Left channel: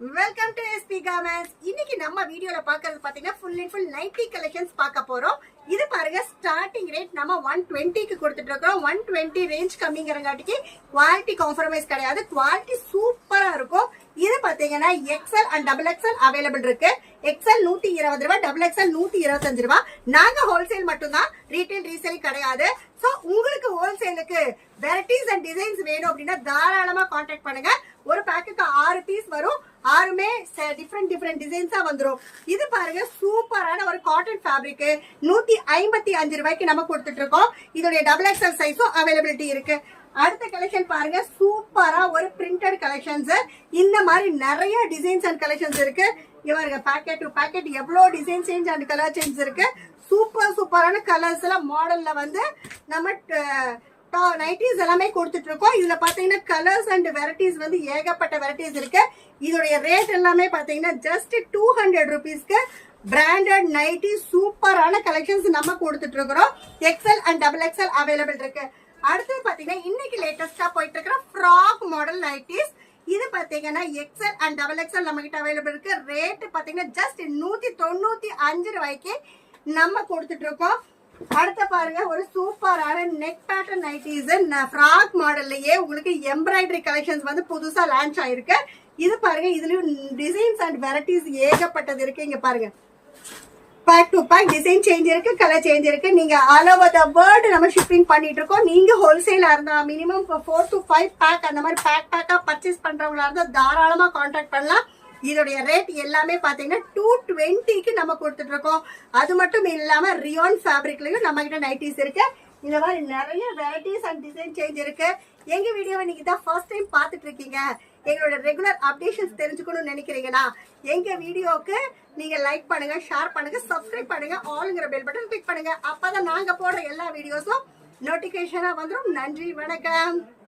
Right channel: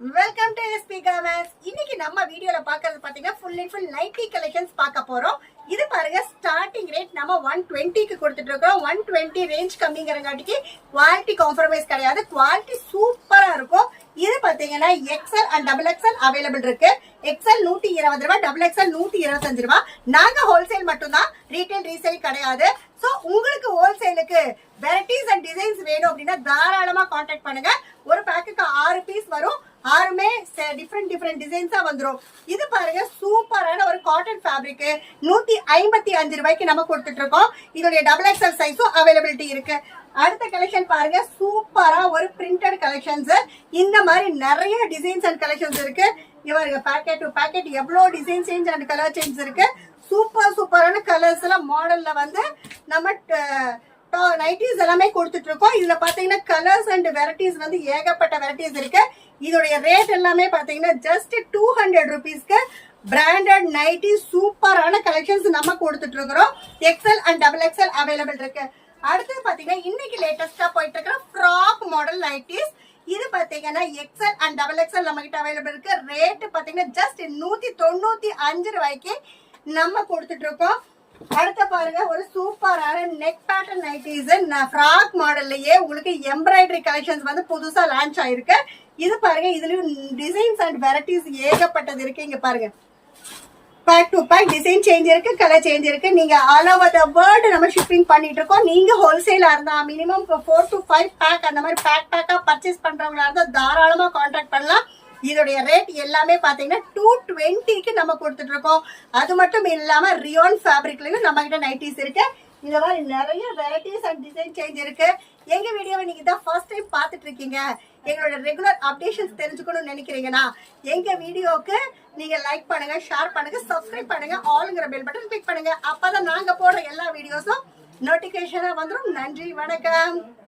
Welcome to SP garments. இன்னைக்கு நம்ம வீடியோல பாக்குறது பாத்தீங்கன்னா full and full nightie collections பார்க்க போறோம். இது பாருங்க, ஸ்டார்டிங் ரேட் நம்ம 120க்கு கொடுத்துட்டு இருக்கோம். 120 ரேஞ்ச் கம்மிங்கிறங்காட்டிக்கு குவாலிட்டி காம்ப்ரமைஸ் கிடையாது, குவாலிட்டி சூப்பரா இருக்கும். இது பாத்தீங்கன்னா XL and double XL available இருக்கு. எக்ஸ்எல் 120 ரூபாய், டபுள் எக்ஸ்எல் 125 ரூபாய். நாங்க ஹோல்சேல் மட்டும்தான், ரீட்டைல் ரீசேல் கிடையாது. சோ உங்களுக்கு ஹோல்சேலுக்கு வெரைட்டிஸ் அண்ட் டிசைன்ஸ் வேணும் அப்படின்னா தாராளமா கான்டாக்ட் பண்ணுங்க. ஒரு பேக்குக்கு 6 பீஸ் வரும், 6மே டிஃப்ரெண்ட் டிசைன்ஸா வந்துரும். இது பாருங்க, சூப்பரான ஒரு காட்டன் ஃபேப்ரிக் 155 ரூபாய்க்கு நம்ம கொடுத்துட்டு இருக்கோம். இதோட டபுள் எக்ஸ்எல் சைஸும் அவைலபிலிட்டி இருக்கு. அடுத்த கலெக்ஷன் பாருங்க, சூப்பரா ஒரு பிரிண்டட் கலெக்ஷன்ஸ். இந்த மாதிரி நிறைய டிசைன்ஸ் அண்ட் கலெக்ஷன்ஸ் இருக்கு. இவங்க பாக்கெட் டு பாக்கெட் எவ்வளவு design change and colour change இருக்கு. சூப்பரான கலர்ஸ்ல மாடல்ல வந்து நம்ம நைட்டிஸ் எல்லாமே கொடுத்துட்டு இருக்கோம். இதுல பாத்தீங்கன்னா கலர்ஸ் அண்ட் வெரைட்டிஸ் வந்து ஏகப்பட்ட வெரைட்டிஸ் இருக்கு. இதோடைய ரேட் எல்லாமே பாத்தீங்கன்னா ஜஸ்ட் 200 ருபீஸ்க்கு பிராண்டட் நைட்டி சூப்பரான கலெக்ஷன்ஸ் நம்ம கொடுத்துட்டு இருக்கிறோம். XL and double XL available இருக்கு. அடுத்து பாத்தீங்கன்னா இன்னைக்கு லேட்டஸ்டா போயிட்டு இருக்கிற ஃப்ராக் மாடல் நைட்டிஸ். இது பாத்தீங்கன்னா எக்ஸ்எல் அண்ட் டபுள் எக்ஸ்எல் நம்ம கிட்ட அவைலபிள் இருக்கு. ரேட் பாத்தீங்கன்னா ஜஸ்ட் 195 ரூபாய்க்கு நம்ம கொடுத்துட்டு இருக்கோம். அடுத்த பாருங்க, ஒரு சூப்பரான நெக் பேட்டர்ன் நைட்டிஸ் ஃப்ராக் மாடல்லயே உங்களுக்கு எம்ப்ராய்டரி கலெக்ஷன்ஸ் வந்து புதுசா லான்ச் ஆயிருக்கு. இது பாருங்க, இதுலயும் டிசைன்ஸ் அண்ட் வெரைட்டிஸ் ஏகப்பட்டது இருக்கு. இங்க பாருங்க, back to back design change இருக்கு, கலர் சேஞ்ச் இருக்கு. நீங்க ஆல் ஓவர் த வேர்ல்டு நம்ம ஷிப்பிங் பண்ணிட்டு இருக்கோம். நீங்க ஹோல்சேலா இருந்தா மினிமம் 4 to 5 பேக் அந்த மாதிரி பேக்கா பர்ச்சேஸ் பண்றவங்களா இருந்தா தாராளமா கான்டாக்ட் பண்ணலாம். இதோடைய ரேட் எல்லாமே பாத்தீங்கன்னா 220க்கு நம்ம கொடுத்துட்டு இருக்கோம். அது மட்டும் இல்லாம ரியோன் ஃபேப்ரிக்லயும் நம்ம கிட்ட நைட்டிஸ் இருக்கு. இந்த மாதிரி நிறைய வெரைட்டிஸ் அண்ட் டிசைன் சேஞ்ச் இருக்கு. எங்க வீடியோவை நீங்க தான் ஃபர்ஸ்ட் டைம் பாத்துட்டு இருக்கீங்க, எங்களோட ரெகுலர் அப்டேஷன்ஸ் தெரிஞ்சுக்கணும்னு நினைக்கிறீங்கன்னா எங்க வீடியோக்கு நீங்க லைக் பண்ணுங்க, ஷேர் பண்ணுங்க, சப்ஸ்கிரைப் பண்ணுங்க, ஆல்ங்கிற பெல் பட்டன் கிளிக் பண்ணுங்க. அப்பதான் நாங்க போடுற எல்லா வீடியோஸும் நோட்டிபிகேஷனா வந்துடும். நன்றி, வணக்கம்.